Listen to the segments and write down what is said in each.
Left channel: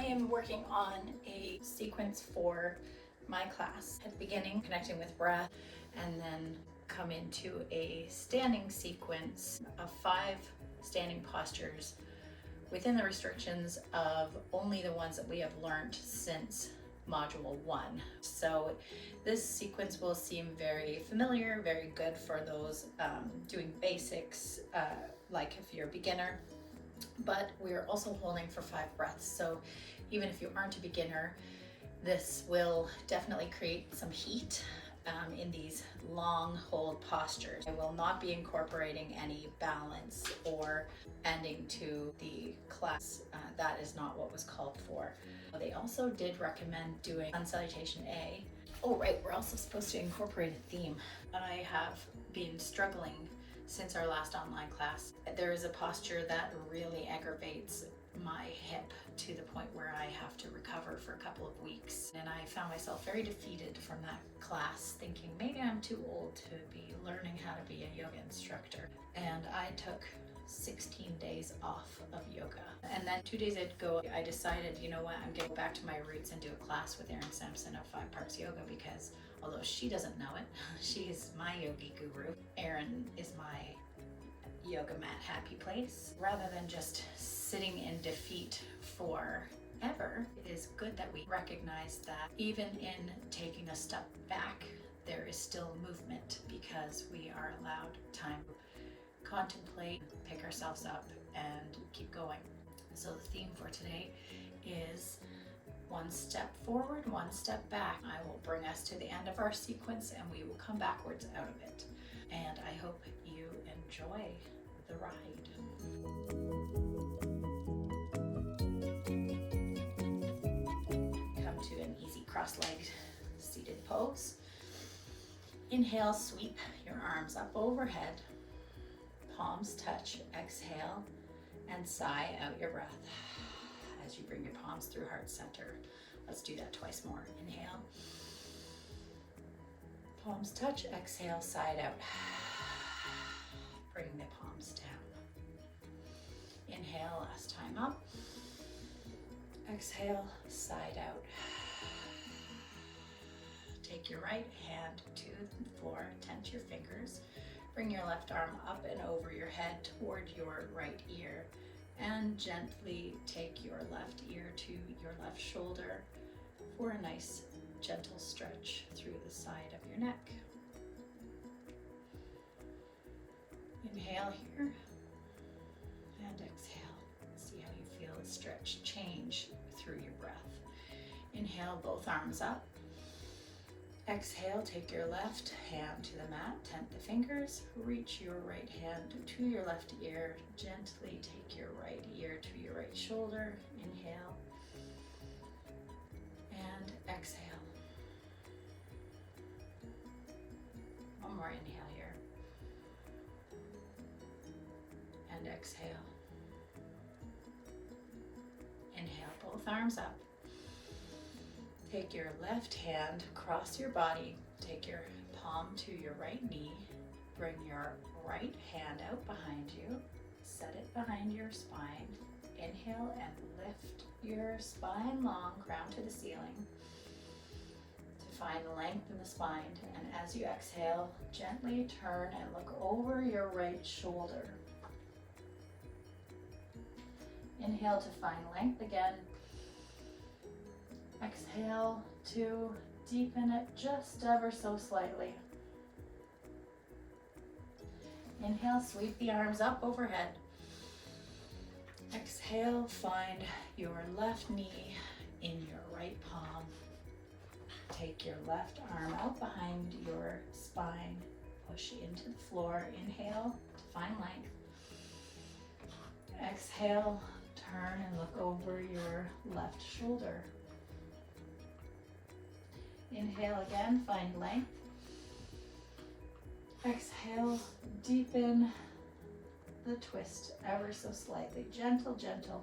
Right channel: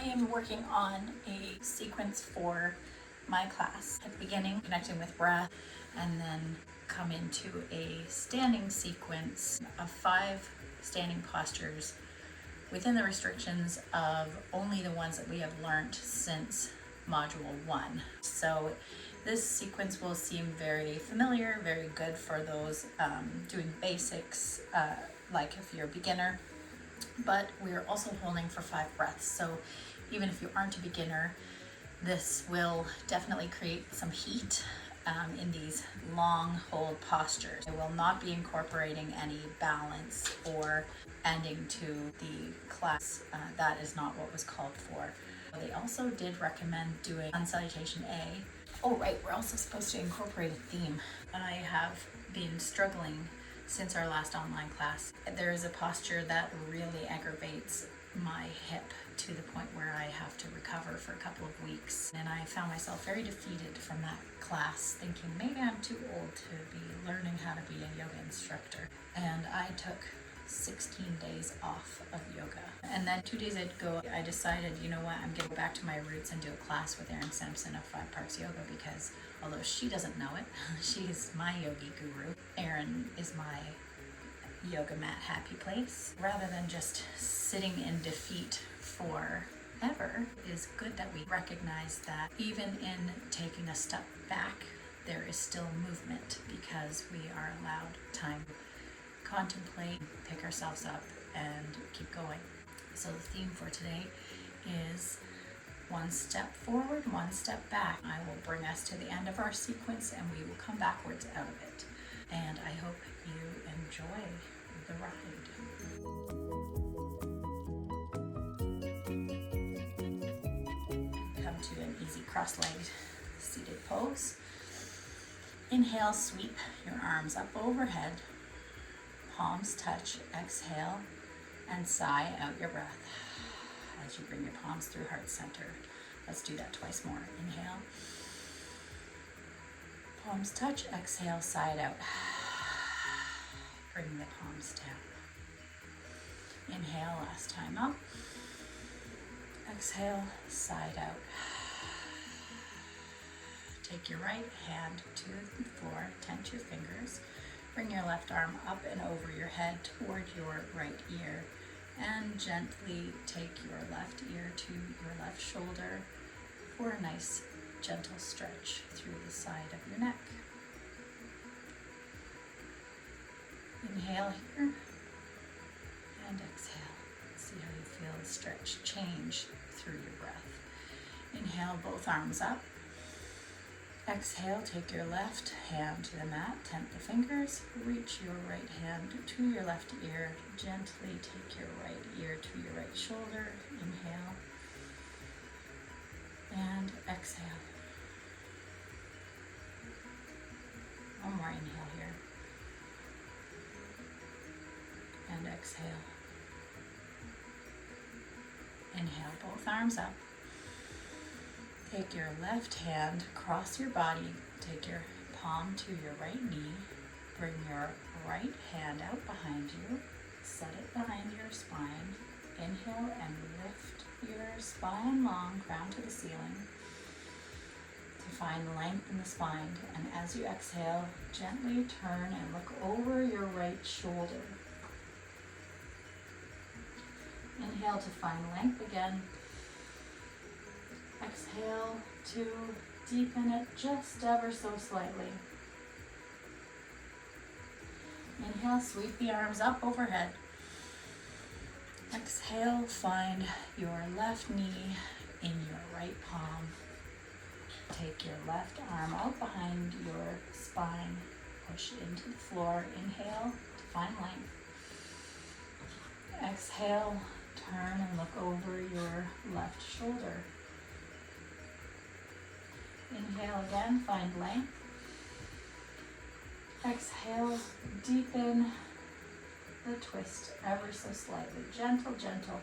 I am working on a sequence for my class. At the beginning, connecting with breath, and then come into a standing sequence of 5 standing postures within the restrictions of only the ones that we have learned since Module 1. So this sequence will seem very familiar, very good for those doing basics, like if you're a beginner, but we're also holding for 5 breaths. So even if you aren't a beginner, this will definitely create some heat in these long hold postures. I will not be incorporating any balance or ending to the class. That is not what was called for. They also did recommend doing Sun Salutation A. Oh right, we're also supposed to incorporate a theme. I have been struggling since our last online class. There is a posture that really aggravates my hip to the point where I have to recover for a couple of weeks. And I found myself very defeated from that class, thinking maybe I'm too old to be learning how to be a yoga instructor. And I took 16 days off of yoga. And then 2 days ago, I decided, you know what, I'm going to go back to my roots and do a class with Erin Sampson of 5 Parts Yoga, because although she doesn't know it, she is my yogi guru. Erin is my yoga mat happy place. Rather than just sitting in defeat forever, it is good that we recognize that even in taking a step back, there is still movement, because we are allowed time to contemplate, pick ourselves up, and keep going. So the theme for today is 1 step forward, 1 step back. I will bring us to the end of our sequence and we will come backwards out of it. And I hope you enjoy the ride. Come to an easy cross-legged seated pose. Inhale, sweep your arms up overhead. Palms touch, exhale, and sigh out your breath as you bring your palms through heart center. Let's do that twice more. Inhale, palms touch, exhale, side out. Bring the palms down. Inhale, last time up. Exhale, side out. Take your right hand to the floor, tense your fingers. Bring your left arm up and over your head toward your right ear, and gently take your left ear to your left shoulder for a nice gentle stretch through the side of your neck. Inhale here and exhale. See how you feel the stretch change through your breath. Inhale, both arms up. Exhale, take your left hand to the mat, temp the fingers, reach your right hand to your left ear, gently take your right ear to your right shoulder. Inhale and exhale. One more inhale here and exhale. Inhale, both arms up. Take your left hand across your body, take your palm to your right knee, bring your right hand out behind you, set it behind your spine. Inhale and lift your spine long, crown to the ceiling, to find length in the spine. And as you exhale, gently turn and look over your right shoulder. Inhale to find length again. Exhale to deepen it just ever so slightly. Inhale, sweep the arms up overhead. Exhale, find your left knee in your right palm. Take your left arm out behind your spine. Push into the floor. Inhale to find length. Exhale, turn and look over your left shoulder. Inhale again, find length. Exhale, deepen the twist ever so slightly. Gentle, gentle.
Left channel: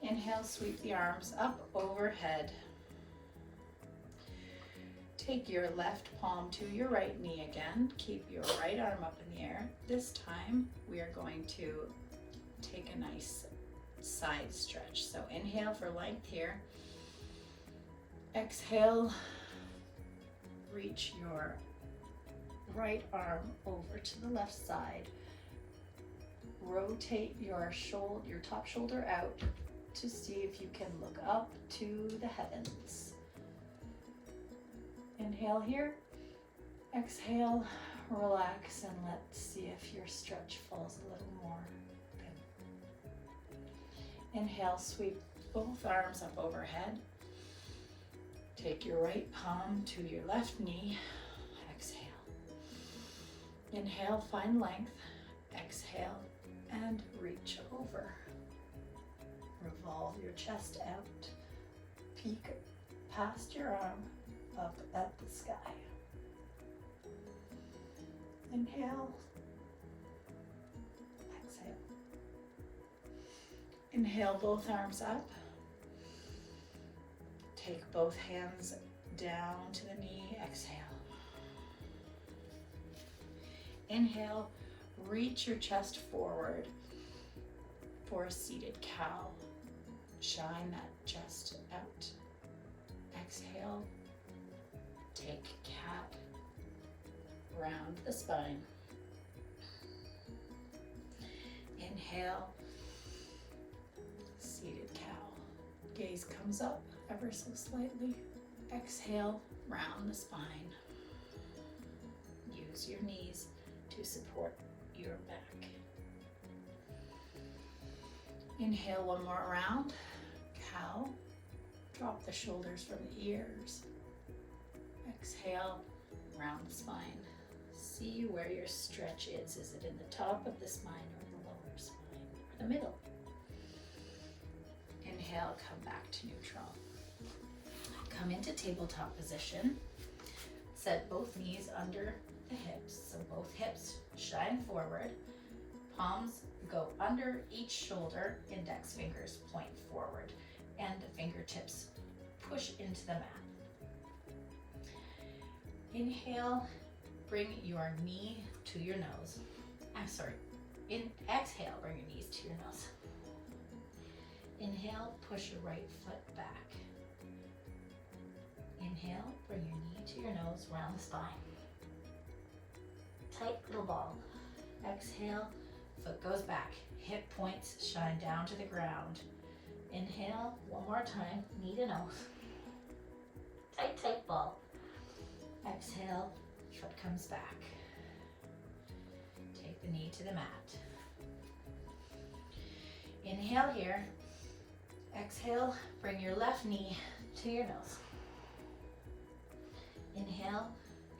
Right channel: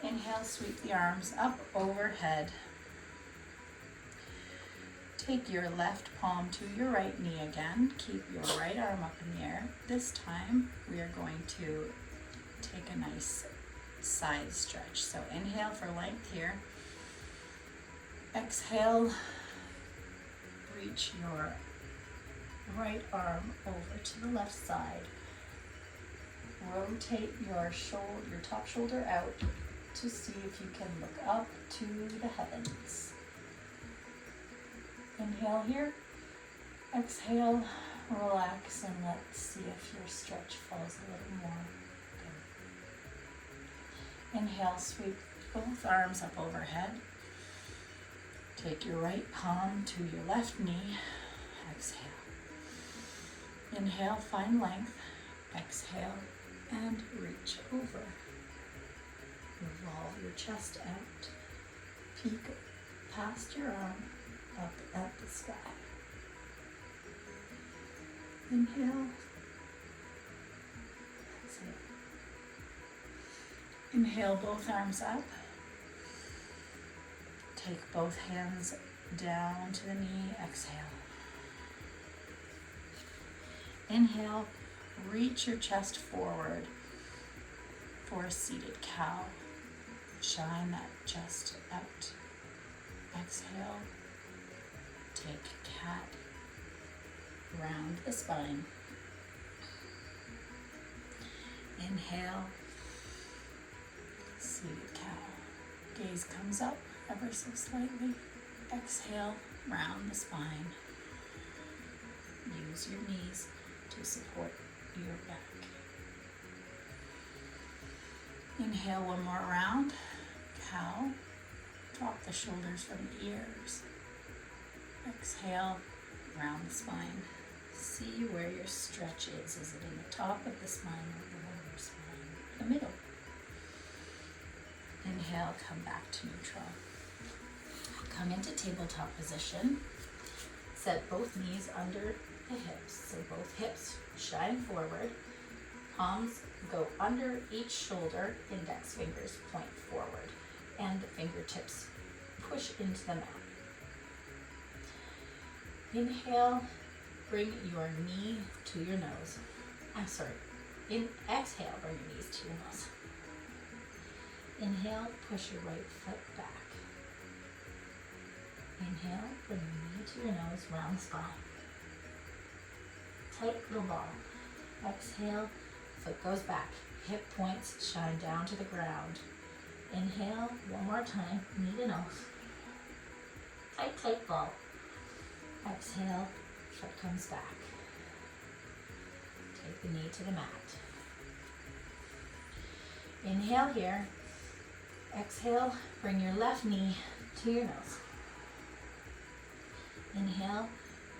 Inhale, sweep the arms up overhead. Take your left palm to your right knee again. Keep your right arm up in the air. This time we are going to take a nice side stretch. So inhale for length here. Exhale, reach your right arm over to the left side. Rotate your top shoulder out to see if you can look up to the heavens. Inhale here. Exhale, relax, and let's see if your stretch falls a little more. Good. Inhale, sweep both arms up overhead. Take your right palm to your left knee. Exhale. Inhale, find length. Exhale, and reach over. Revolve your chest out. Peek past your arm up at the sky. Inhale. Exhale. Inhale, both arms up. Take both hands down to the knee. Exhale. Inhale, reach your chest forward for a seated cow. Shine that chest out. Exhale, take cat. Round the spine. Inhale, seated cow. Gaze comes up ever so slightly. Exhale, round the spine. Use your knees to support your back. Inhale one more round. Cow. Drop the shoulders from the ears. Exhale, round the spine. See where your stretch is. Is it in the top of the spine or the lower spine? The middle. Inhale, come back to neutral. Come into tabletop position. Set both knees under the hips. So both hips shine forward. Palms go under each shoulder. Index fingers point forward. And the fingertips push into the mat. Inhale, bring your knee to your nose. Exhale, bring your knees to your nose. Inhale, push your right foot back. Inhale, bring your knee to your nose, round the spine. Tight little ball. Exhale, foot goes back. Hip points shine down to the ground. Inhale, one more time, knee to nose. Tight, tight ball. Exhale, foot comes back. Take the knee to the mat. Inhale here. Exhale, bring your left knee to your nose. Inhale,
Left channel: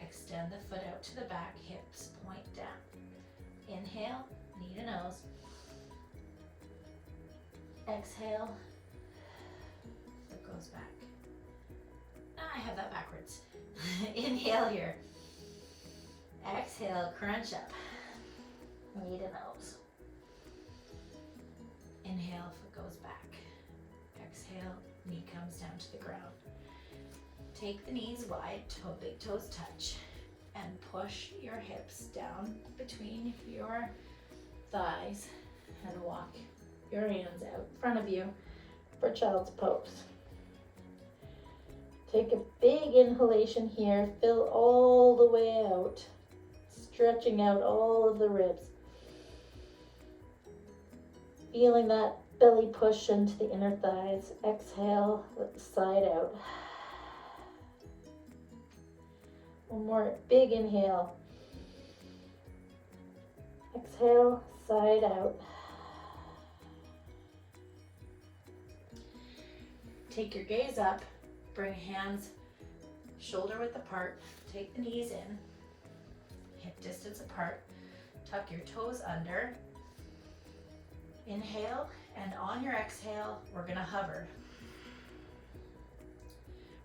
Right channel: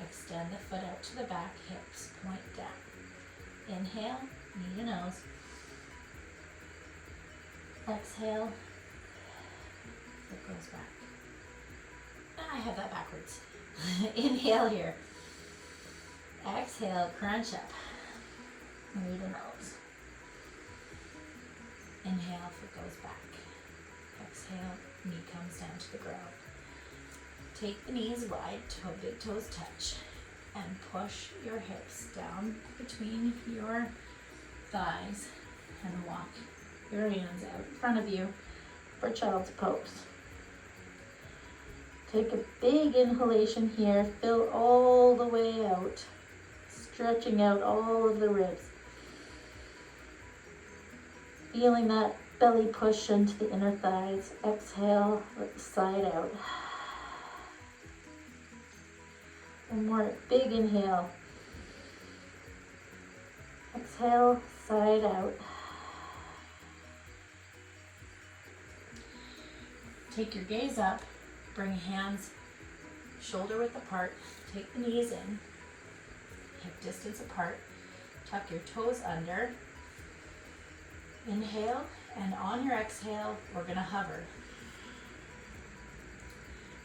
extend the foot out to the back, hips point down. Inhale, knee to nose. Exhale, foot goes back. I have that backwards. Inhale here. Exhale, crunch up. Knee to nose. Inhale, foot goes back. Exhale, knee comes down to the ground. Take the knees wide, big toes touch, and push your hips down between your thighs and walk your hands out in front of you for child's pose. Take a big inhalation here, fill all the way out, stretching out all of the ribs. Feeling that belly push into the inner thighs. Exhale, let the side out. One more big inhale. Exhale, side out. Take your gaze up, bring hands shoulder width apart, take the knees in, hip distance apart, tuck your toes under. Inhale, and on your exhale, we're gonna hover.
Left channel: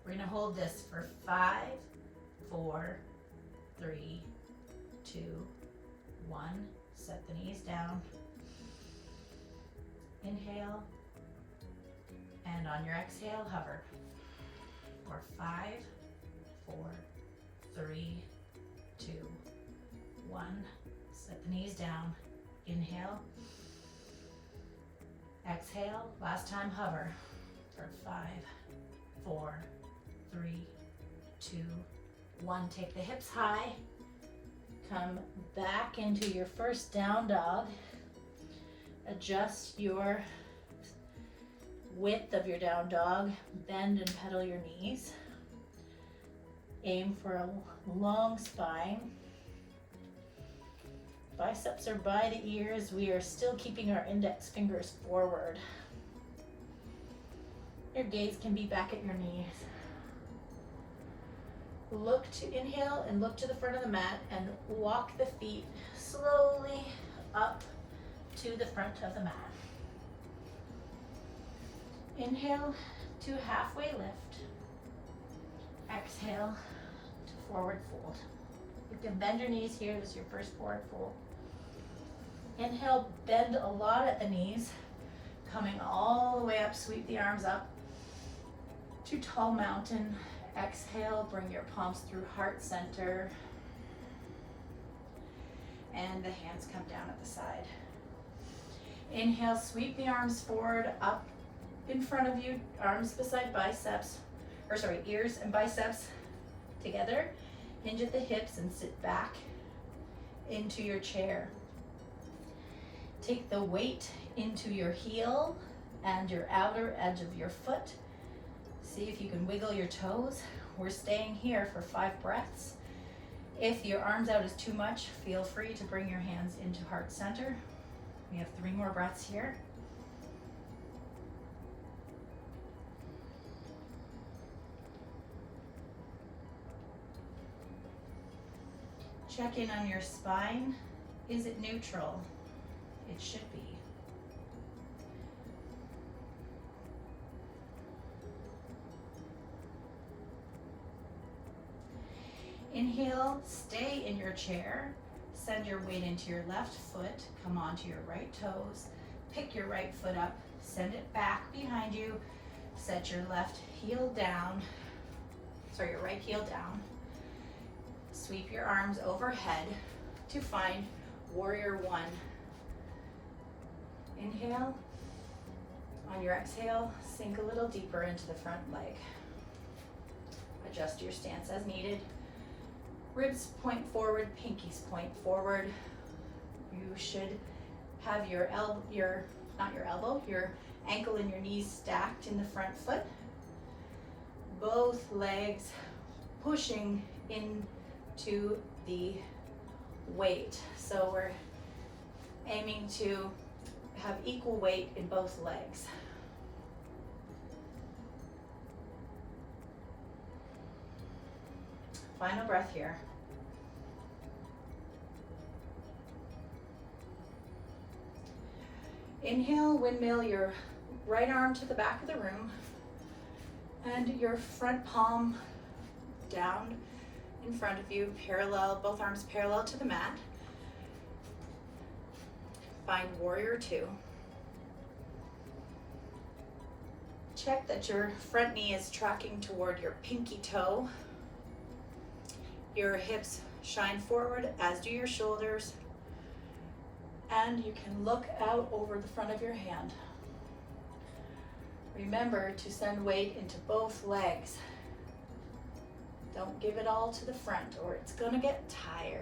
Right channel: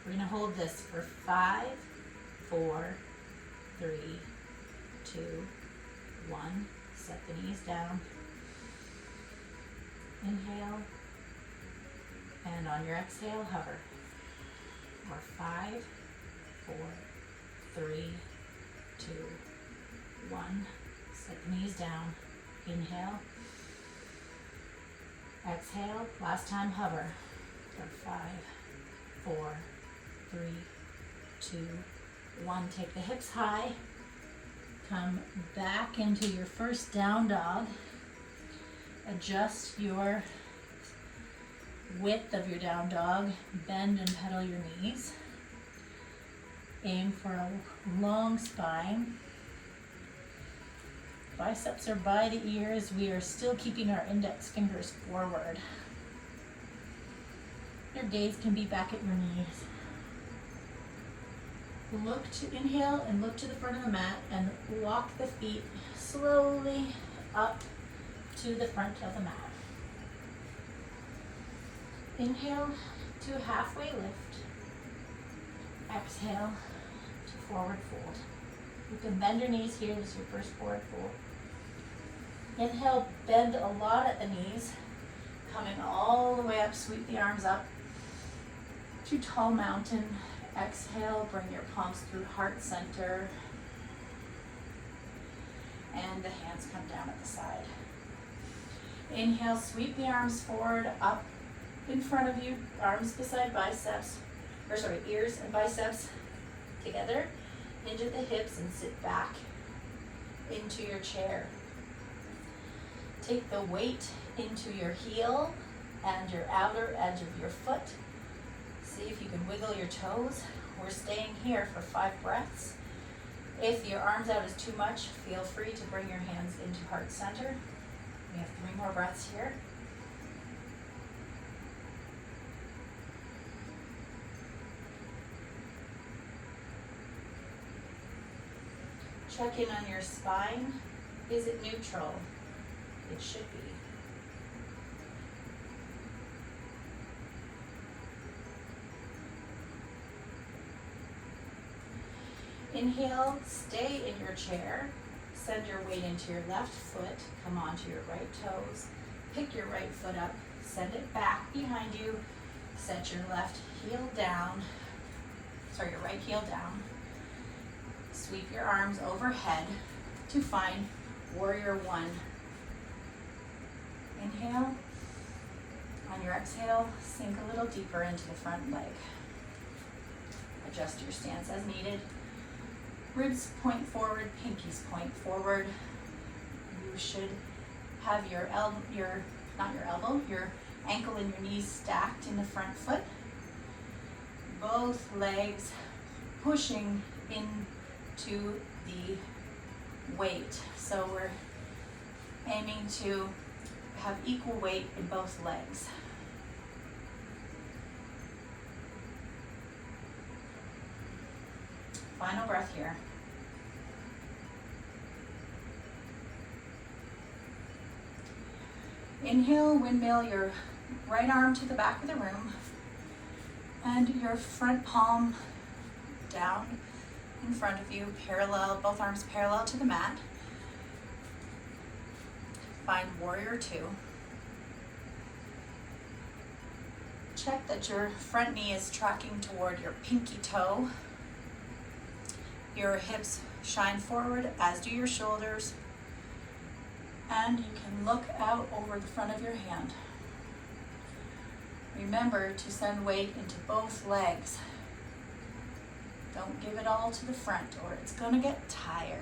We're gonna hold this for 5, 4, 3, 2, 1. Set the knees down. Inhale, and on your exhale, hover. For 5, 4, 3, 2, 1. Set the knees down. Inhale. Exhale, last time hover for 5, 4, 3, 2, 1. Take the hips high. Come back into your first down dog. Adjust your width of your down dog. Bend and pedal your knees. Aim for a long spine. Biceps are by the ears. We are still keeping our index fingers forward. Your gaze can be back at your knees. Look to inhale and look to the front of the mat and walk the feet slowly up to the front of the mat. Inhale to halfway lift. Exhale to forward fold. You can bend your knees here. This is your first forward fold. Inhale, bend a lot at the knees. Coming all the way up, sweep the arms up to tall mountain. Exhale, bring your palms through heart center. And the hands come down at the side. Inhale, sweep the arms forward, up in front of you, arms beside biceps, ears and biceps together, into the hips and sit back into your chair. Take the weight into your heel and your outer edge of your foot. See if you can wiggle your toes. We're staying here for 5 breaths. If your arms out is too much, feel free to bring your hands into heart center. We have 3 more breaths here. Check in on your spine. Is it neutral? It should be. Inhale, stay in your chair. Send your weight into your left foot. Come onto your right toes. Pick your right foot up. Send it back behind you. Set your left heel down. Your right heel down. Sweep your arms overhead to find warrior 1. Inhale. On your exhale, sink a little deeper into the front leg. Adjust your stance as needed. Ribs point forward, pinkies point forward. You should have your ankle and your knees stacked in the front foot. Both legs pushing into the weight. So we're aiming to have equal weight in both legs. Final breath here. Inhale, windmill your right arm to the back of the room and your front palm down in front of you, parallel, both arms parallel to the mat. Find warrior 2. Check that your front knee is tracking toward your pinky toe. Your hips shine forward, as do your shoulders. And you can look out over the front of your hand. Remember to send weight into both legs. Don't give it all to the front or it's going to get tired.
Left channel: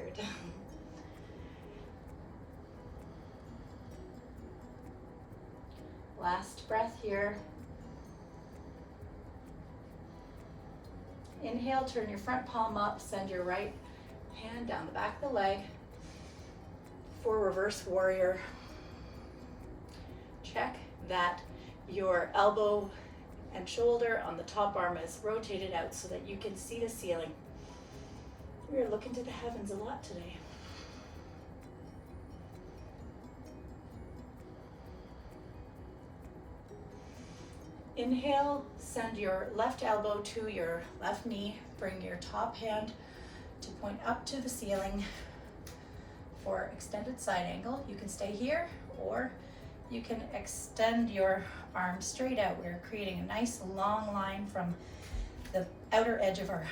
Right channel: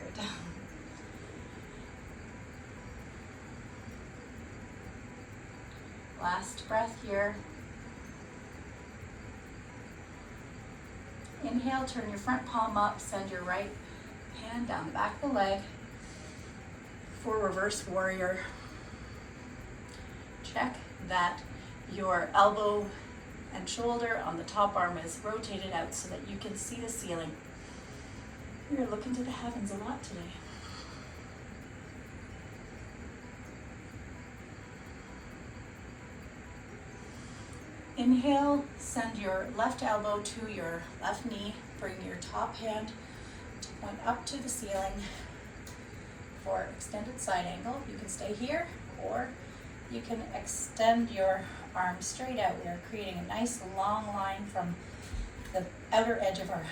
Last breath here. Inhale, turn your front palm up, send your right hand down the back of the leg for reverse warrior. Check that your elbow and shoulder on the top arm is rotated out so that you can see the ceiling. You're looking to the heavens a lot today. Inhale, send your left elbow to your left knee. Bring your top hand to point up to the ceiling for extended side angle. You can stay here or you can extend your arm straight out. We're creating a nice long line from the outer edge of our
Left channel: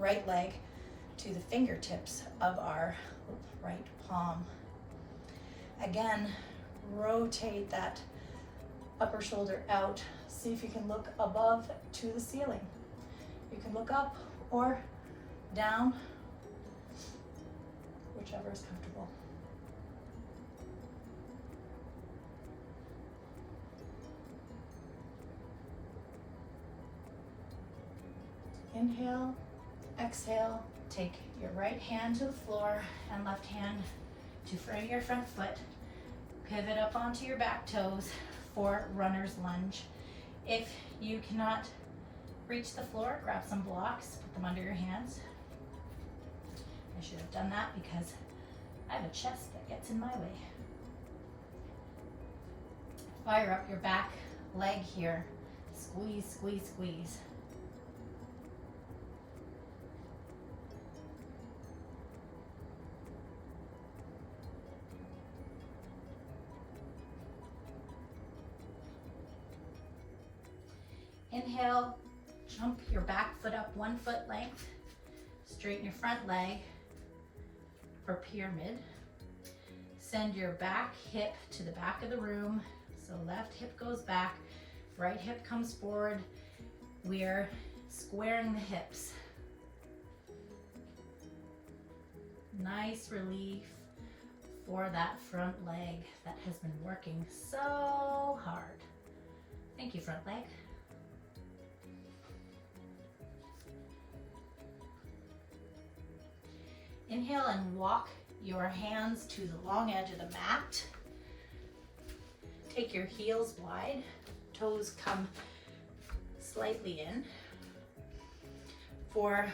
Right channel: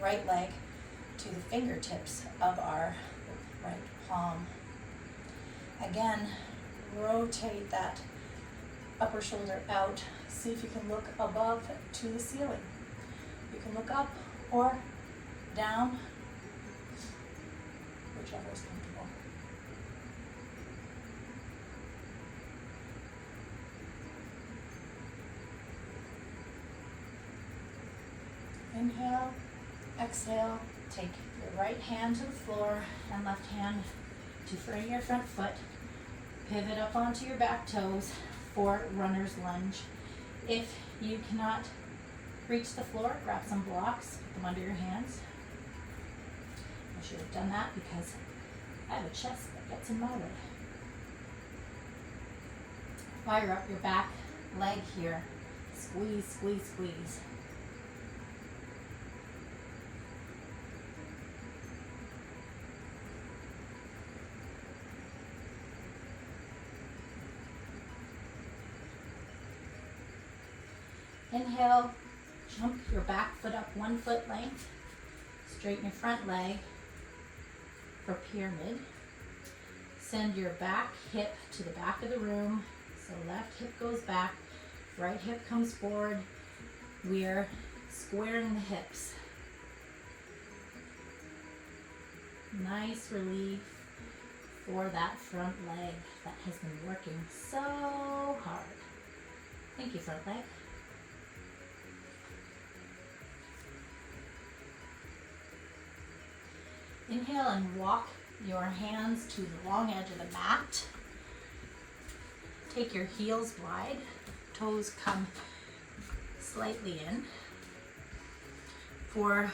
right leg to the fingertips of our right palm. Again, rotate that upper shoulder out. See if you can look above to the ceiling. You can look up or down, whichever is comfortable. Inhale, exhale, take your right hand to the floor and left hand to frame your front foot. Pivot up onto your back toes for runner's lunge. If you cannot reach the floor, grab some blocks, put them under your hands. I should have done that because I have a chest that gets in my way. Fire up your back leg here. Squeeze, squeeze, squeeze. Inhale, jump your back foot up 1 foot length. Straighten your front leg for pyramid. Send your back hip to the back of the room. So left hip goes back, right hip comes forward. We're squaring the hips. Nice relief for that front leg that has been working so hard. Thank you, front leg. Inhale and walk your hands to the long edge of the mat. Take your heels wide, toes come slightly in. For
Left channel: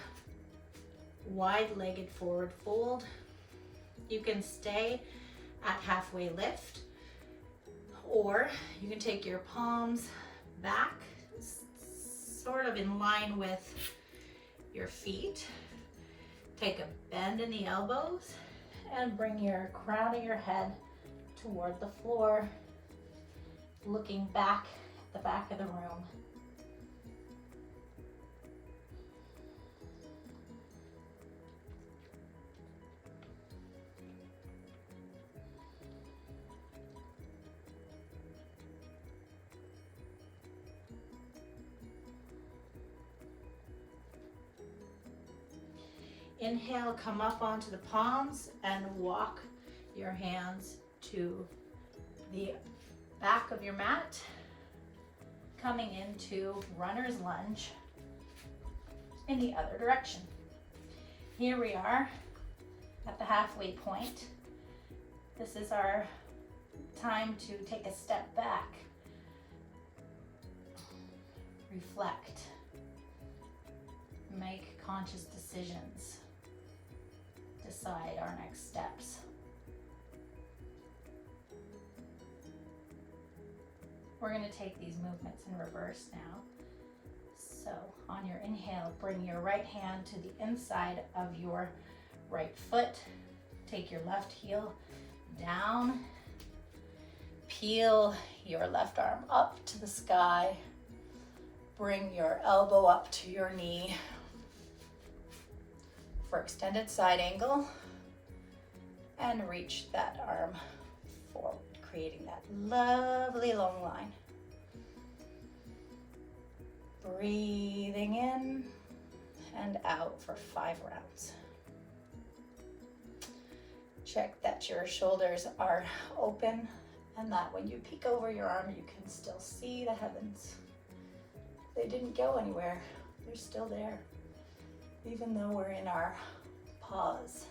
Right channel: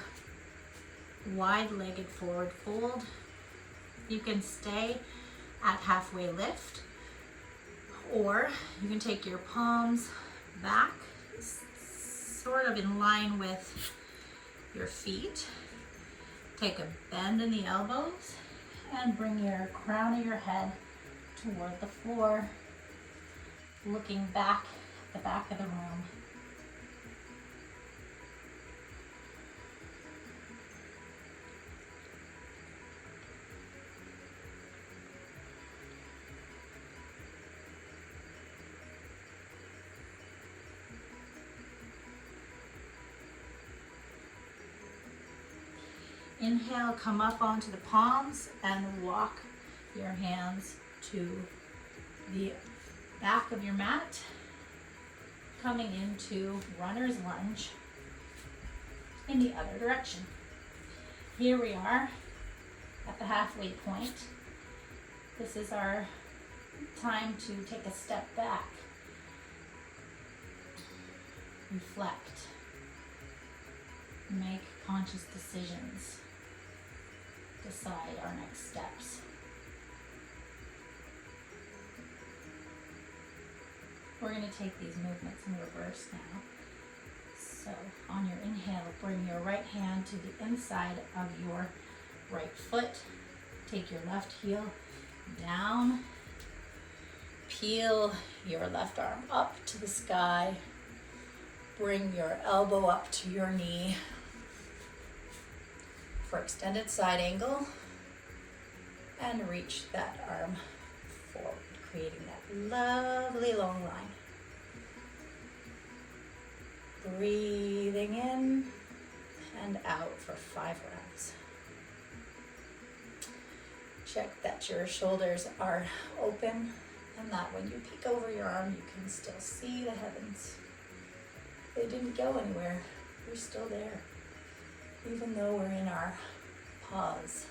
wide-legged forward fold, you can stay at halfway lift, or you can take your palms back, sort of in line with your feet. Take a bend in the elbows and bring your crown of your head toward the floor, looking back at the back of the room. Inhale, come up onto the palms and walk your hands to the back of your mat, coming into runner's lunge in the other direction. Here we are at the halfway point. This is our time to take a step back, reflect, make conscious decisions, decide our next steps. We're going to take these movements in reverse now. So on your inhale, bring your right hand to the inside of your right foot. Take your left heel down. Peel your left arm up to the sky. Bring your elbow up to your knee for extended side angle, and reach that arm forward, creating that lovely long line. Breathing in and out for 5 rounds. Check that your shoulders are open and that when you peek over your arm, you can still see the heavens. They didn't go anywhere. They're still there, even though we're in our pause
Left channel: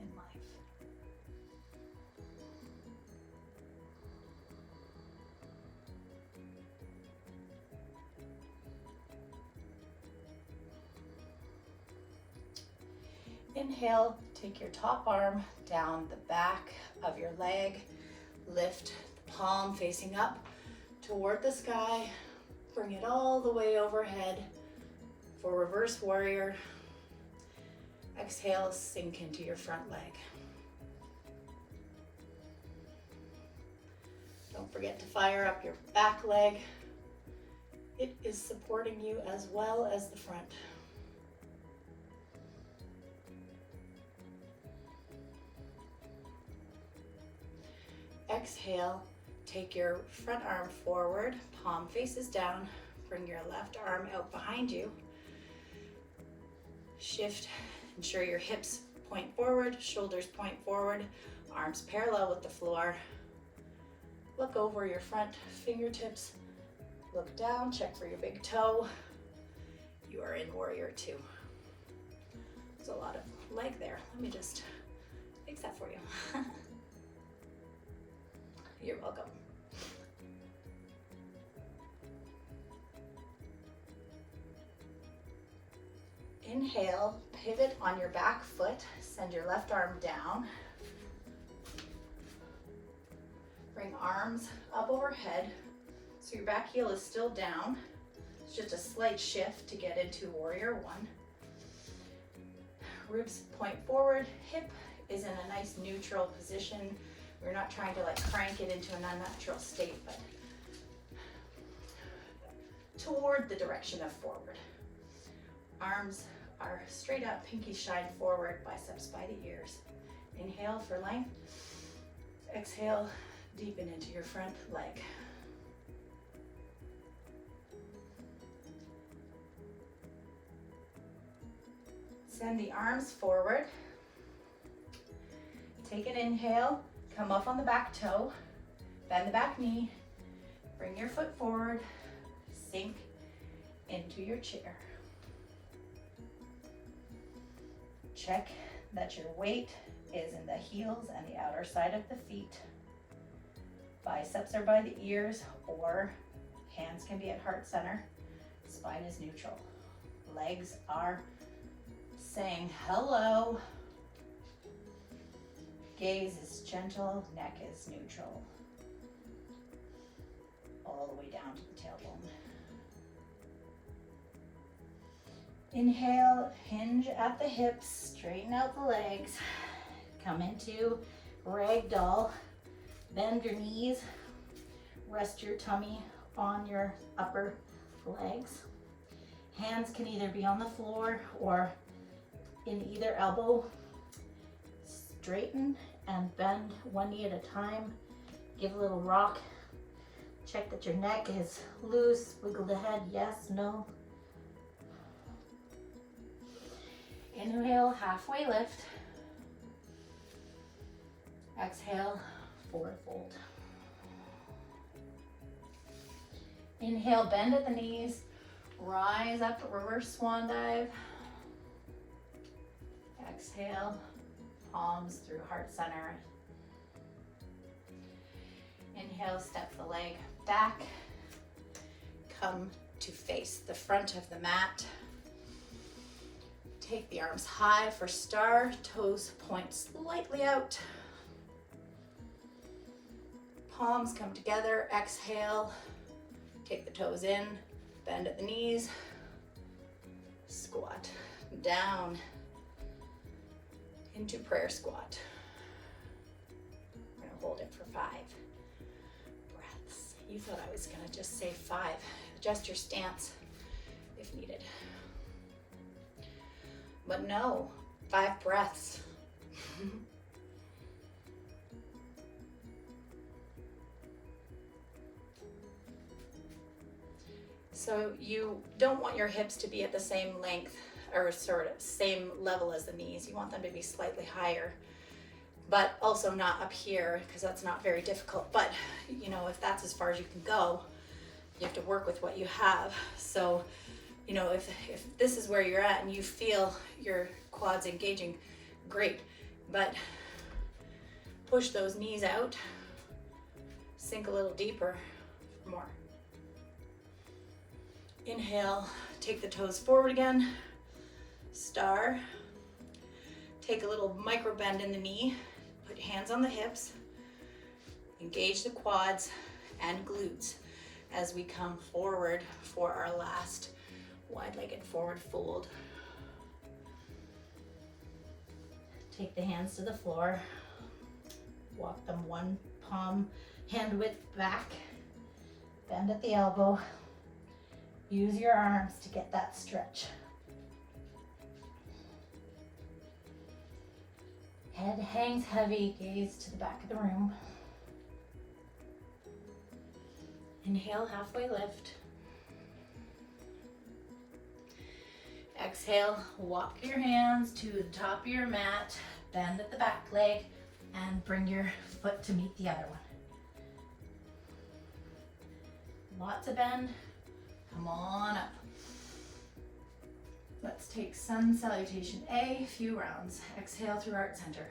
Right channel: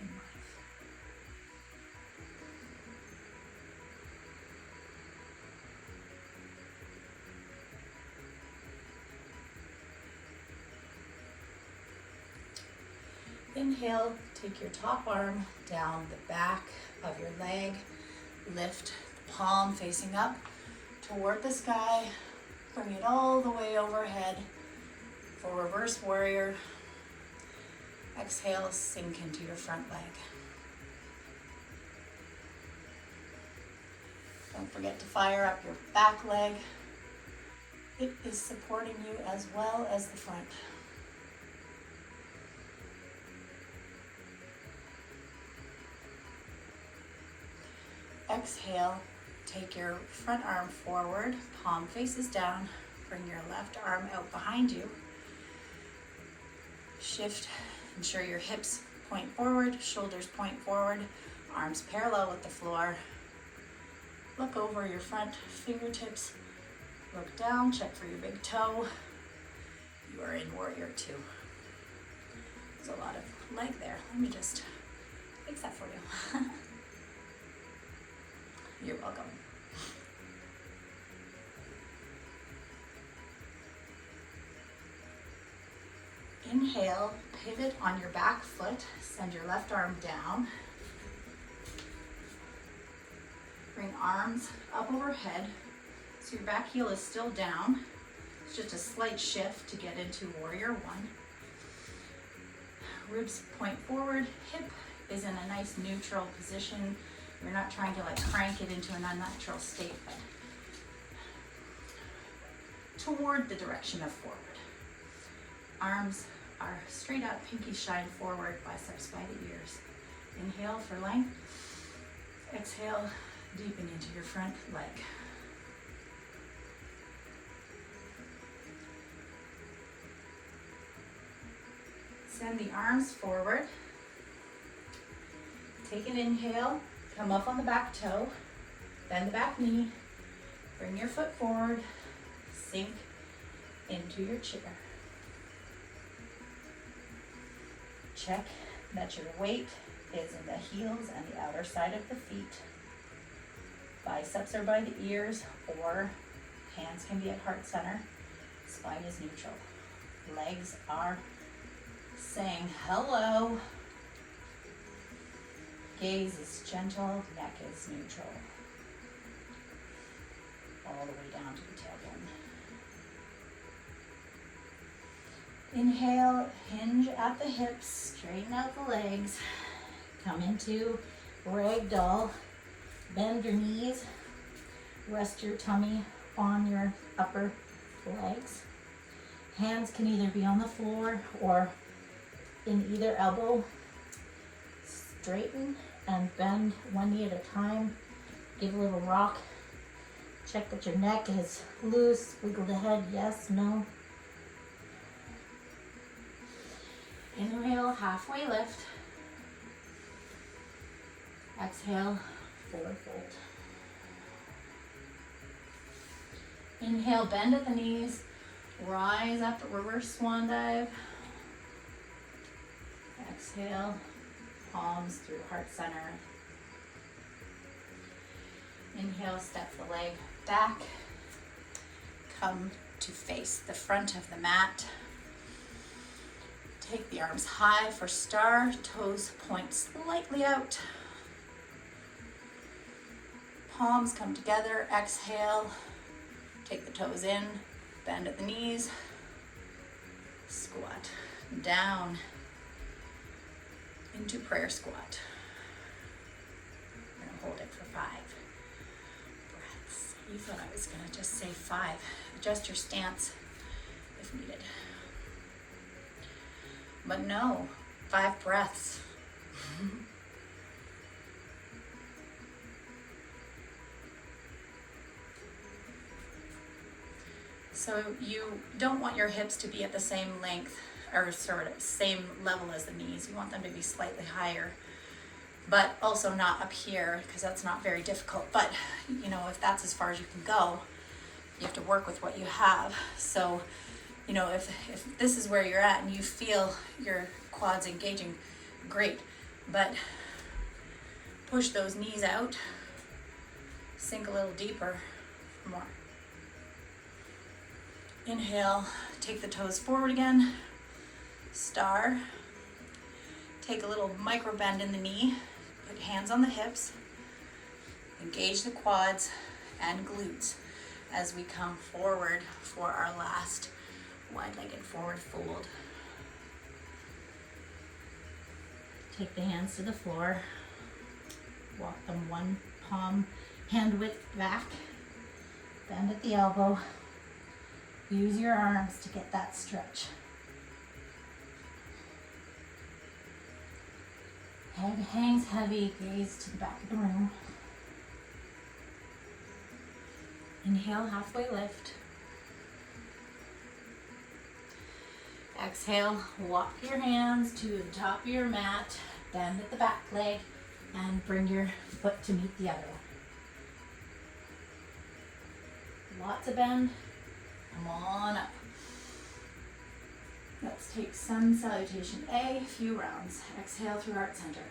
in life. Inhale, take your top arm down the back of your leg. Lift the palm facing up toward the sky. Bring it all the way overhead for reverse warrior. Exhale, sink into your front leg. Don't forget to fire up your back leg. It is supporting you as well as the front. Exhale, Take your front arm forward, palm faces down, bring your left arm out behind you. Shift, ensure your hips point forward, shoulders point forward, arms parallel with the floor. Look over your front fingertips, look down, check for your big toe. You are in warrior two. There's a lot of leg there. Let me just fix that for you. You're welcome. Inhale, pivot on your back foot, send your left arm down. Bring arms up overhead, so your back heel is still down. It's just a slight shift to get into warrior one. Ribs point forward, hip is in a nice neutral position. You're not trying to like crank it into an unnatural state, but toward the direction of forward. Arms are straight up, pinky shine forward, biceps by the ears. Inhale for length. Exhale, deepen into your front leg. Send the arms forward. Take an inhale, come up on the back toe, bend the back knee, bring your foot forward, sink into your chair. Check that your weight is in the heels and the outer side of the feet. Biceps are by the ears, or hands can be at heart center. Spine is neutral. Legs are saying hello. Gaze is gentle, neck is neutral. All the way down to the tailbone. Inhale, hinge at the hips, straighten out the legs. Come into ragdoll. Bend your knees, rest your tummy on your upper legs. Hands can either be on the floor or in either elbow. Straighten and bend one knee at a time. Give a little rock. Check that your neck is loose. Wiggle the head, yes, no. Inhale, halfway lift. Exhale, forward fold. Inhale, bend at the knees. Rise up, reverse swan dive. Exhale, palms through heart center. Inhale, step the leg back. Come to face the front of the mat. Take the arms high for star, toes point slightly out. Palms come together, exhale. Take the toes in, bend at the knees. Squat down into prayer squat. We're gonna hold it for 5 breaths. You thought I was gonna just say 5. Adjust your stance if needed. But no, 5 breaths. So you don't want your hips to be at the same length or sort of same level as the knees. You want them to be slightly higher, but also not up here, because that's not very difficult. But you know, if that's as far as you can go, you have to work with what you have. So you know, if this is where you're at and you feel your quads engaging, great. But push those knees out, sink a little deeper for more. Inhale, take the toes forward again, star. Take a little micro bend in the knee, put hands on the hips, engage the quads and glutes as we come forward for our last wide-legged forward fold. Take the hands to the floor, walk them one palm hand width back, bend at the elbow. Use your arms to get that stretch. Head hangs heavy, gaze to the back of the room. Inhale, halfway lift. Exhale, walk your hands to the top of your mat, bend at the back leg, and bring your foot to meet the other one. Lots of bend. Come on up. Let's take Sun Salutation A, a few rounds. Exhale through heart center.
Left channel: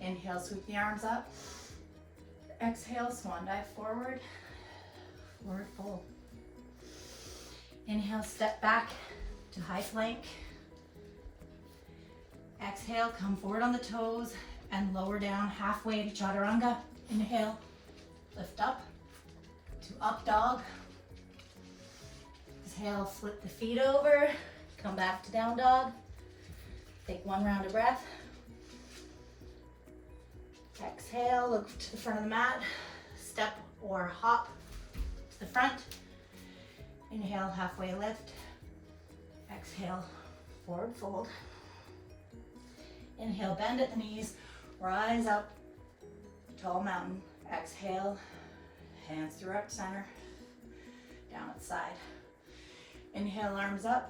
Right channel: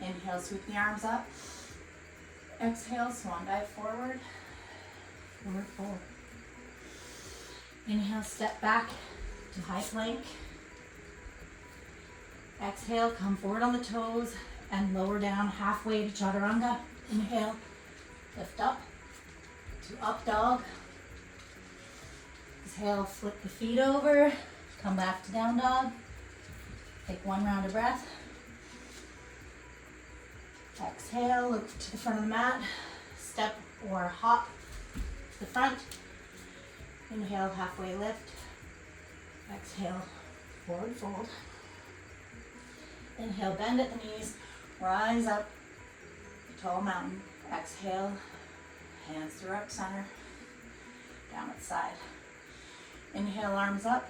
Inhale, sweep the arms up. Exhale, swan dive forward. Forward fold. Inhale, step back to high plank. Exhale, come forward on the toes and lower down halfway to chaturanga. Inhale, lift up to up dog. Exhale, flip the feet over, come back to down dog. Take one round of breath. Exhale, look to the front of the mat, step or hop to the front. Inhale, halfway lift. Exhale, forward fold. Inhale, bend at the knees, rise up, tall mountain. Exhale, hands through up center, down at side. Inhale, arms up,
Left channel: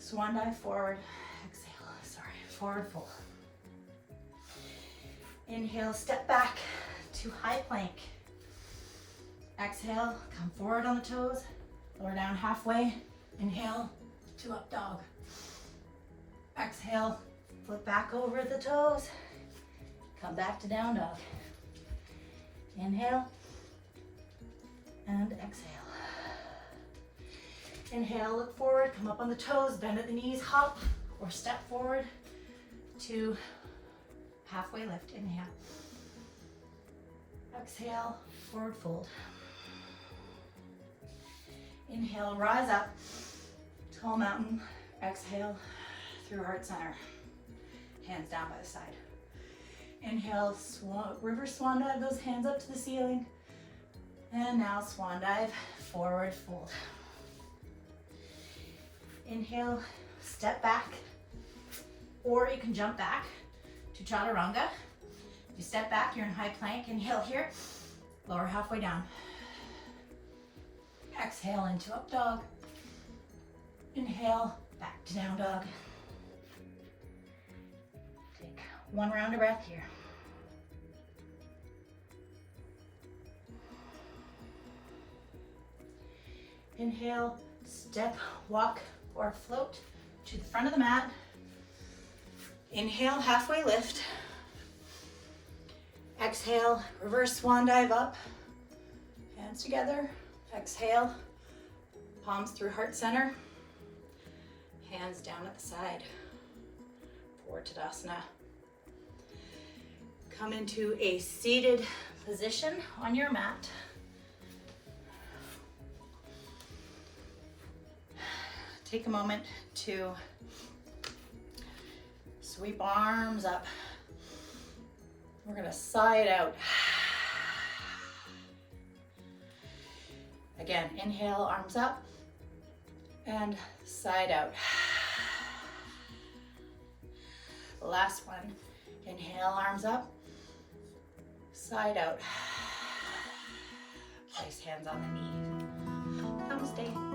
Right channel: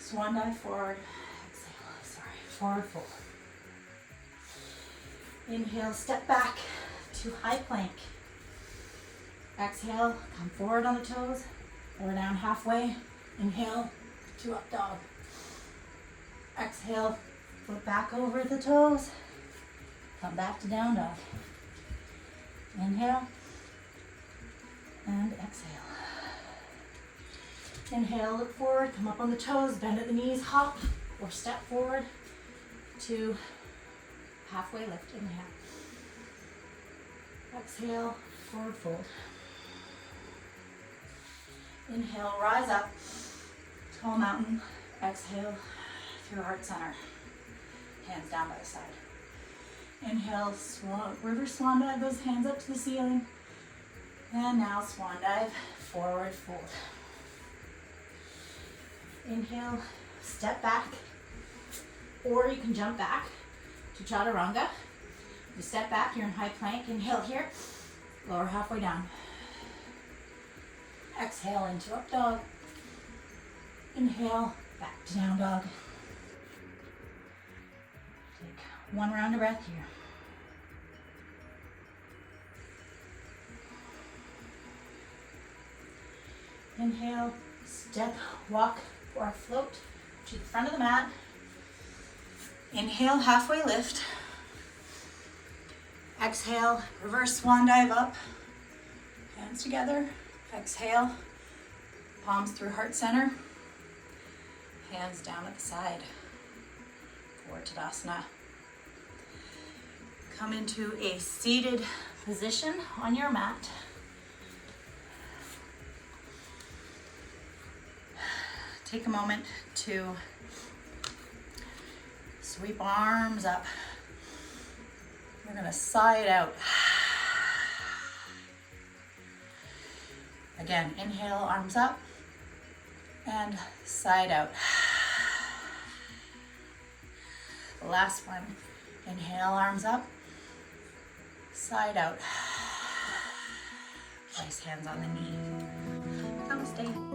swan dive forward. Exhale, forward fold. Inhale, step back to high plank. Exhale, come forward on the toes, lower down halfway. Inhale, to up dog. Exhale, flip back over the toes, come back to down dog. Inhale, and exhale. Inhale, look forward, come up on the toes, bend at the knees, hop or step forward to halfway lift. Inhale. Exhale, forward fold. Inhale, rise up, tall mountain. Exhale, through heart center. Hands down by the side. Inhale, river swan dive, those hands up to the ceiling. And now swan dive, forward fold. Inhale, step back, or you can jump back to chaturanga. You step back, you're in high plank. Inhale here, lower halfway down. Exhale into up dog. Inhale, back to down dog. Take one round of breath here. Inhale, step, walk, or float to the front of the mat. Inhale, halfway lift. Exhale, reverse swan dive up. Hands together. Exhale, palms through heart center. Hands down at the side. Forward Tadasana. Come into a seated position on your mat. Take a moment to sweep arms up. We're gonna side out. Again, inhale, arms up, and side out. Last one. Inhale, arms up, side out. Place hands on the knee. Namaste.